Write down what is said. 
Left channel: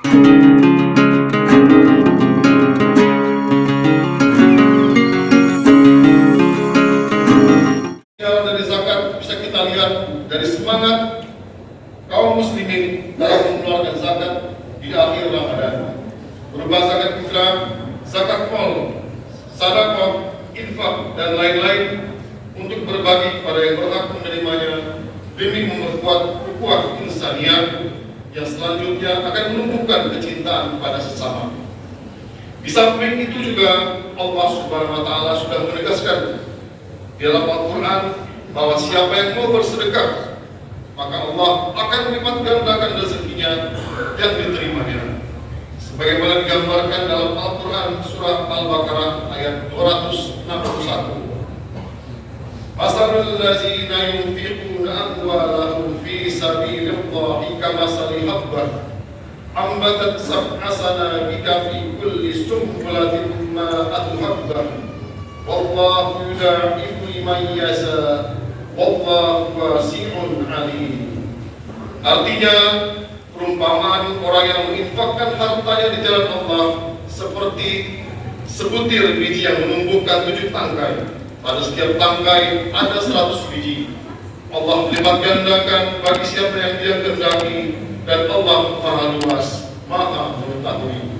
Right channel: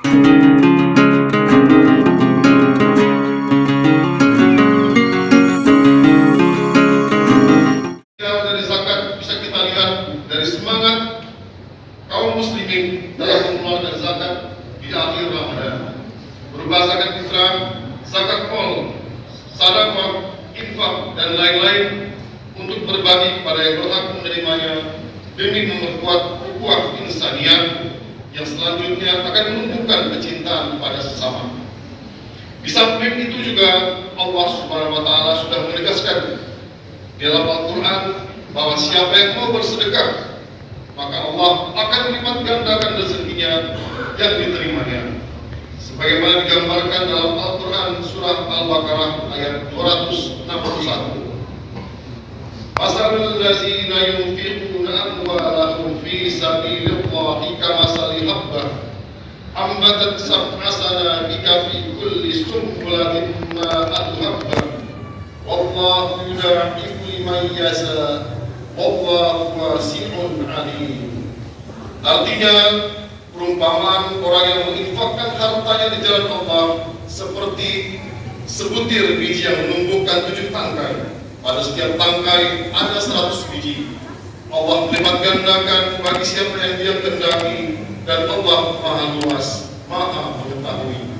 Dari zakat bisa kita lihat dari semangat kaum muslimin dalam mengeluarkan zakat di akhir Ramadan. Berupa zakat fitrah, zakat mal, sedekah, infak dan lain-lain untuk berbagi kepada yang berhak menerimanya demi memperkuat ukhuwah insaniyah yang selanjutnya akan menumbuhkan kecintaan kepada sesama. Di samping itu juga Allah Subhanahu wa taala sudah menegaskan di dalam Al-Quran bahwa siapa yang mau bersedekah maka Allah akan melipat gandakan rezekinya yang diterimanya. Sebagaimana digambarkan dalam Al-Quran surah Al-Baqarah ayat 261. Masalul ladzina yunfiquna amwalahum fi sabilillahi kamathali habbah ambatat sab'a sanabila fi kulli sunbulatin mi'atu habbah wallahu yudha'ifu liman yasha wallahu wasi'un 'alim. Artinya, perumpamaan orang yang menginfakkan hartanya di jalan Allah seperti sebutir biji yang menumbuhkan 7 tangkai. Pada setiap tangkai ada 100 biji. Allah melipat gandakan bagi siapa yang Dia kehendaki, dan Allah Maha Luas, Maha Mengetahui.